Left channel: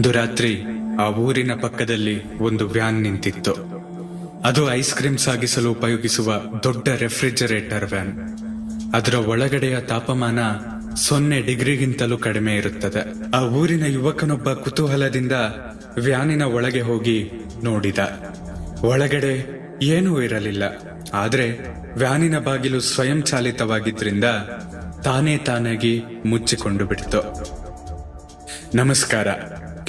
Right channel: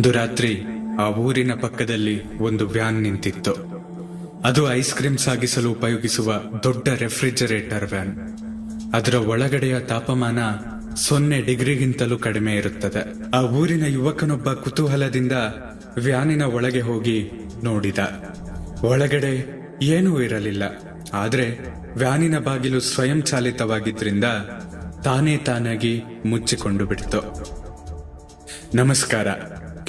ಒಂದು ರಾತ್ರಿ ಆ ಊರಿನ ಪಕ್ಕದಲ್ಲಿ ಒಂದು ವ್ಯಾನ್ ನಿಂತಿತ್ತು. ಅದು ಐಸ್ ಕ್ರೀಮ್ ಸಾಗಿಸಲು ಉಪಯೋಗಿಸುವ ದೊಡ್ಡ ರೆಫ್ರಿಜರೇಟರ್ ವ್ಯಾನ್. ಅದರ ಒಳಗಡೆಯ ತಾಪಮಾನ ಸೊನ್ನೆ ಡಿಗ್ರಿಗಿಂತಲೂ ಕಡಿಮೆ ಇರುತ್ತದೆ. ಆ ಊರಿನ ಯುವಕನೊಬ್ಬ ಕುತೂಹಲದಿಂದ ವ್ಯಾನಿನ ಒಳಗೆ ಹೋಗಿ ನೋಡಿದ. ಒಳಗಡೆ ಏನೂ ಇರಲಿಲ್ಲ. ಆದರೆ ವ್ಯಾನಿನ ಬಾಗಿಲು ಸ್ವಯಂ ಚಾಲಿತವಾಗಿದ್ರಿಂದ ತಾನೇ ತಾನಾಗಿ ಮುಚ್ಚಿಕೊಂಡು ಬಿಡ್ತು. ನಮಸ್ಕಾರ.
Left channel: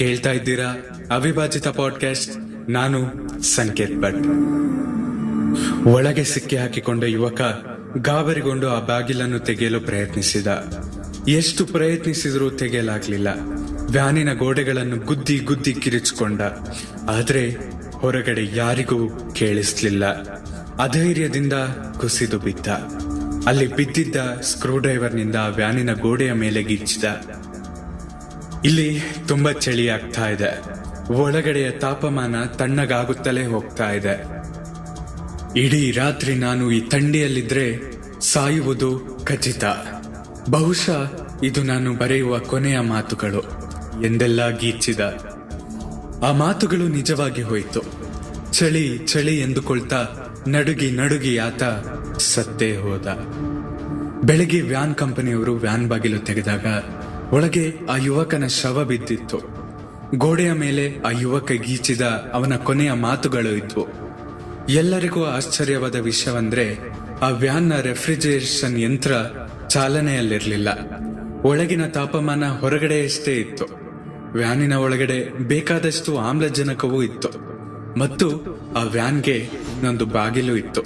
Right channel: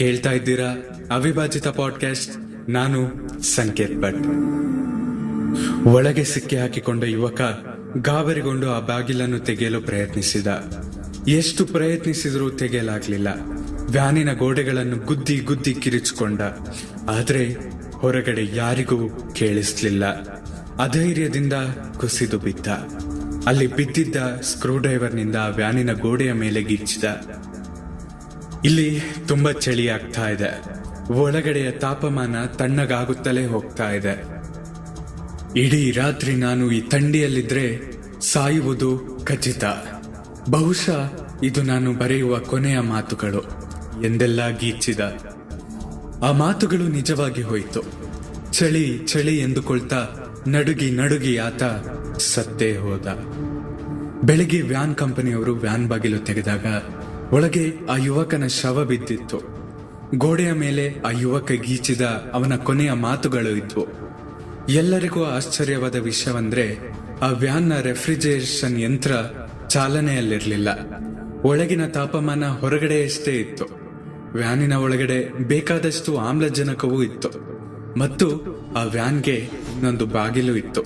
ಕೇಳ್ತಾ ಇದ್ದೀರಾ? ಅವಿಭಾಜಿತ ಪಾಡ್ಕಾಸ್ಟ್ ನಾನು ಸಂಕೇತ್ ಭಟ್. ಒಳಗೆ ಸಿಕ್ಕಿ ಹಾಕಿಕೊಂಡ ಯುವಕ ಗಾಬರಿಗೊಂಡು ಆ ಬಾಗಿಲನ್ನು ತೆಗೆಯಲು ಪ್ರಯತ್ನಿಸಿದ. ಎಷ್ಟು ಪ್ರಯತ್ನಿಸಿದರೂ ತೆಗೆಯಲಾಗಲಿಲ್ಲ. ವ್ಯಾನಿನ ಗೋಡೆಗಳನ್ನು ಗುದ್ದಿ ಗುದ್ದಿ ಕಿರಿಚಿಕೊಂಡ. ಆದರೆ ಹೊರಗಡೆ ಯಾರಿಗೂ ಕೇಳಿಸ್ಲಿಲ್ಲ. ಅಧೈರ್ಯದಿಂದ ಕುಸಿದು ಬಿದ್ದ. ಅಲ್ಲಿ ಬಿದ್ದಿದ್ದ ಸ್ಕ್ರೂ ಡ್ರೈವರ್ನಿಂದ ವ್ಯಾನಿನ ಗೋಡೆಯ ಮೇಲೆ ಗಿಚ್ಚಿದ. ಇಲ್ಲಿ ತುಂಬಾ ಚಳಿ ಆಗ್ತಾ ಇದೆ. ಒಳಗಡೆಯ ತಾಪಮಾನ ತಣ್ಣಗಾಗುತ್ತಲೇ ಹೋಗ್ತಾ ಇದೆ. ಇಡೀ ರಾತ್ರಿ ನಾನು ಈ ಥಂಡಿಯಲ್ಲಿದ್ರೆ ಸಾಯುವುದು ಖಚಿತ. ಬಹುಶಃ ಇದು ನಾನು ಬರೆಯುವ ಕೊನೆಯ ಮಾತುಗಳು ಎಂದೆಲ್ಲ ಗೀಚಿದ. ಆ ಮಾತುಗಳು ನಿಜವಾಗಿ ಹೋಯಿತು. ಚಳಿ ಚಳಿ ಎಂದುಕೊಳ್ತಾ ನಡುಗಿ ನಡುಗಿ ಆತ ಸತ್ತೇ ಹೋದ. ಬೆಳಗ್ಗೆ ವ್ಯಾನ್ ಕಂಪನಿಯವರು ವ್ಯಾನ್ ಬಾಗಿಲು ತೆಗೆದಾಗ ಒಳಗೆ ಆ ಯುವಕನ ಶವ ಬಿದ್ದಿತ್ತು. ಗೋಡೆಯ ಮೇಲೆ ಆ ಯುವಕ ಗೀಚಿದ ಅವನ ಕೊನೆಯ ಮಾತುಗಳು ಇದ್ವು. ಎಲ್ಲರಿಗೂ ಆಶ್ಚರ್ಯವಾದ ವಿಷಯವಂದ್ರೆ, ಆ ವ್ಯಾನ್ನ ರೆಫ್ರಿಜರೇಷನ್ ಯಂತ್ರ ಚಾಲನೆಯಲ್ಲಿರಲಿಲ್ಲ. ಒಳಗಿನ ತಾಪಮಾನ ಹೊರಗಡೆಯಷ್ಟೇ ಇತ್ತು. ವ್ಯಾನಿನ ಒಳಗಡೆ ಬೇಕಾದಷ್ಟು ಆಮ್ಲಜನಕವೂ ಇತ್ತು. ಮತ್ತು ಆ ವ್ಯಾನ್ಗೆ ಇನ್ನೊಂದು ಬಾಗಿಲು ಇತ್ತು.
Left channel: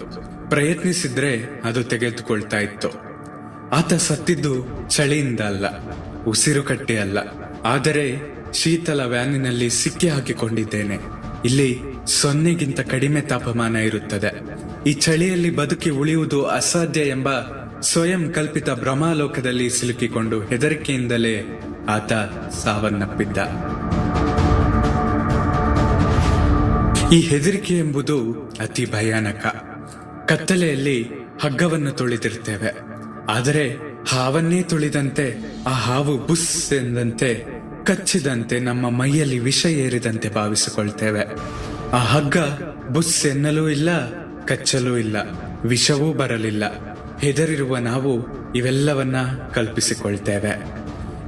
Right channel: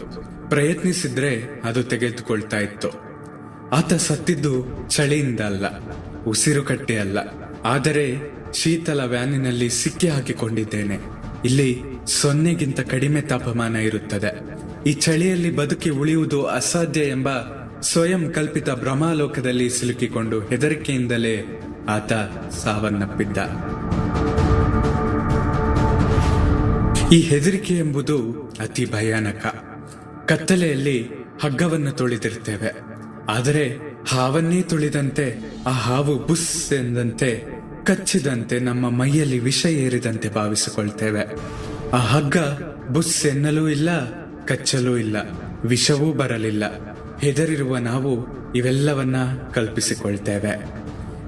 ಪ್ರಯತ್ನಿಸಿದ್ರೆ ಅದು ತೆಗೆದುಕೊಳ್ತಾ ಇತ್ತು. ಆತ ಸತ್ತಿದ್ದು ಚಳಿಯಿಂದ ಅಲ್ಲ. ಉಸಿರು ಕಟ್ಟೆಯಲ್ಲ ಆದರೆ ಶೀತಲ ವ್ಯಾನಿನಲ್ಲಿ ಸಿಕ್ಕಿ ಹಾಕಿಕೊಂಡಿದ್ದೇನೆ. ಇಲ್ಲಿ ಸೊನ್ನೆಗಿಂತ ಕಡಿಮೆ ತಾಪಮಾನ ಇರುತ್ತದೆ. ಈ ಚಳಿಯಲ್ಲಿ ಬದುಕಿ ಉಳಿಯುವುದು ಅಸಾಧ್ಯ ಎಂಬ ಸ್ವಯಂ ಕಲ್ಪಿತ ಭ್ರಮಾಲೋಕದಲ್ಲಿ ಸಿಲುಕಿಕೊಂಡು ಹೆದರಿಕೆಯಿಂದಲೇ ಆತ ಸಾವನ್ನಪ್ಪಿದ್ದ. ಈ ಹೆದರಿಕೆ ಎಂಬುದು ಅತಿ ಭಯಾನಕ. ಕತ್ತಲೆಯಲ್ಲಿ ಹಗ್ಗವನ್ನು ತುಳಿದಿರ್ತೇವೆ. ಆದರೆ ಹಾವನ್ನೇ ತುಳಿದಂತೆ, ಆ ಹಾವು ಬುಸ್ ಎಂದಂತೆ ಕಚ್ಚಿದಂತೆ ನಮ್ಮ ಮೈಯಲ್ಲಿ ವಿಷ ಏರಿದಂತೆ ಭಾವಿಸಿಕೊಳ್ತೇವೆ. ಆ ಹಗ್ಗ ಬುಸ್ ಎನ್ನಲೂ ಇಲ್ಲ, ಕಚ್ಚಲೂ ಇಲ್ಲ, ವಿಷವೂ ಬರಲಿಲ್ಲ. ಹೆದರಿರುವ ನಾವು ಇವೆಲ್ಲವನ್ನ ಕಲ್ಪಿಸಿಕೊಳ್ತೇವೆ.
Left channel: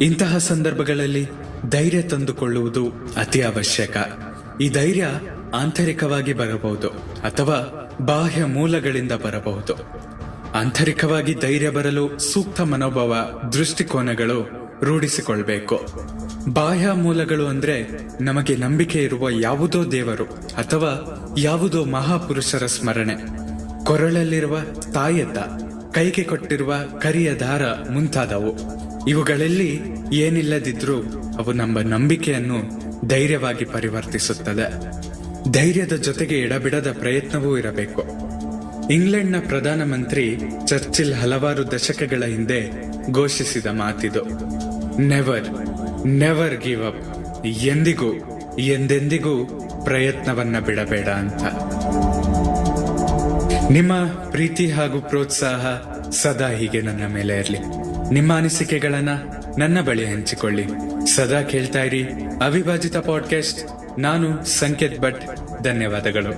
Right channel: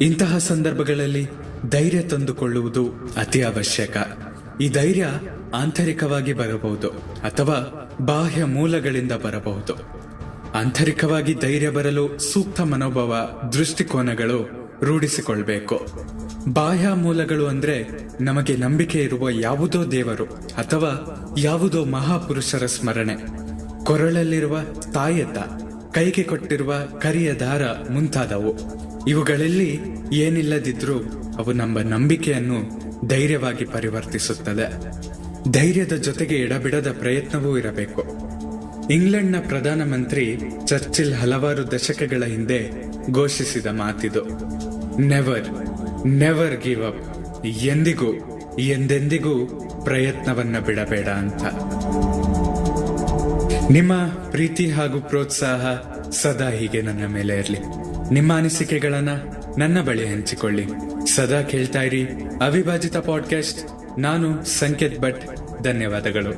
ಇಂತಹ ಸಂದರ್ಭಗಳಲ್ಲಿ ಧೈರ್ಯ ತಂದುಕೊಳ್ಳುವುದು ಅತಿ ಅವಶ್ಯಕ. ಈ ಧೈರ್ಯ ಆಂತರಿಕವಾಗಿ ಬರಬಹುದು ಅಥವಾ ಬಾಹ್ಯ ಮೂಲಗಳಿಂದ ಬರಬಹುದು. ಆಂತರಿಕವಾಗಿ ಧೈರ್ಯ ಬರಲು ಸೂಕ್ತ ಮನೋಭಾವ ದೃಷ್ಟಿಕೋನಗಳು ರೂಢಿಸಿಕೊಳ್ಬೇಕು. ಬಾಹ್ಯ ಮೂಲಗಳು ಅಂದ್ರೆ ನಮಗೆ ನಂಬಿಕೆ ಇರುವ ಯಾವುದೋ ದೇವರು ಅಥವಾ ಯಾವುದೋ ಮಹಾಪುರುಷರ ಸ್ಮರಣೆ. ಕೊರಳಲ್ಲಿರುವ ತಾಯತ್ತ, ಕೈಗೆ ಕೊಟ್ಟಿರುವ ಕರಿಯ ದಾರ ಮುಂತಾದವು. ಇವುಗಳಲ್ಲಿ ಏನಿಲ್ಲದಿದ್ರೂ ಅವು ನಮ್ಮ ನಂಬಿಕೆಯನ್ನು ಧೈರ್ಯವಾಗಿ ಪರಿವರ್ತಿಸುತ್ತದೆ ಧೈರ್ಯದ ಜೊತೆಗೆ ಎಡಬಿಡದ ಪ್ರಯತ್ನವೂ ಇರಬೇಕು. ಇಂಗ್ಲೆಂಡ್ನ ಪ್ರಧಾನಮಂತ್ರಿ ಚರ್ಚಿಲ್ ಹಲವಾರು ದಶಕಗಳ ಹಿಂದೆ ಘೋಷಿಸಿದ ಮಾತಿದು ನೆವರ್ ನೆವರ್ ಗಿವ್ ಅಪ್ ಎಂದಿಗೂ, ಎಂದೆಂದಿಗೂ ಪ್ರಯತ್ನವನ್ನ ಬಿಡಬೇಡ ಅಂತ. ನಿಮ್ಮ ಪ್ರೀತಿ ಹಾಗೂ ಪ್ರೋತ್ಸಾಹ ಸದಾ ಹೀಗೆ ನನ್ನ ಮೇಲೆ ಇರಲಿ. ನಿಮ್ಮ ಅನಿಸಿಕೆಗಳನ್ನ ನನ್ನ ಬಳಿ ಹಂಚಿಕೊಳ್ಳಿ. ಸದಾ ಕೇಳ್ತಾ ಇರಿ ಅವಿಭಾಜಿತ ಪಾಡ್ಕಾಸ್ಟ್ ನಾನು ಸಂಕೇತ್ ಭಟ್. ಧನ್ಯವಾದಗಳು.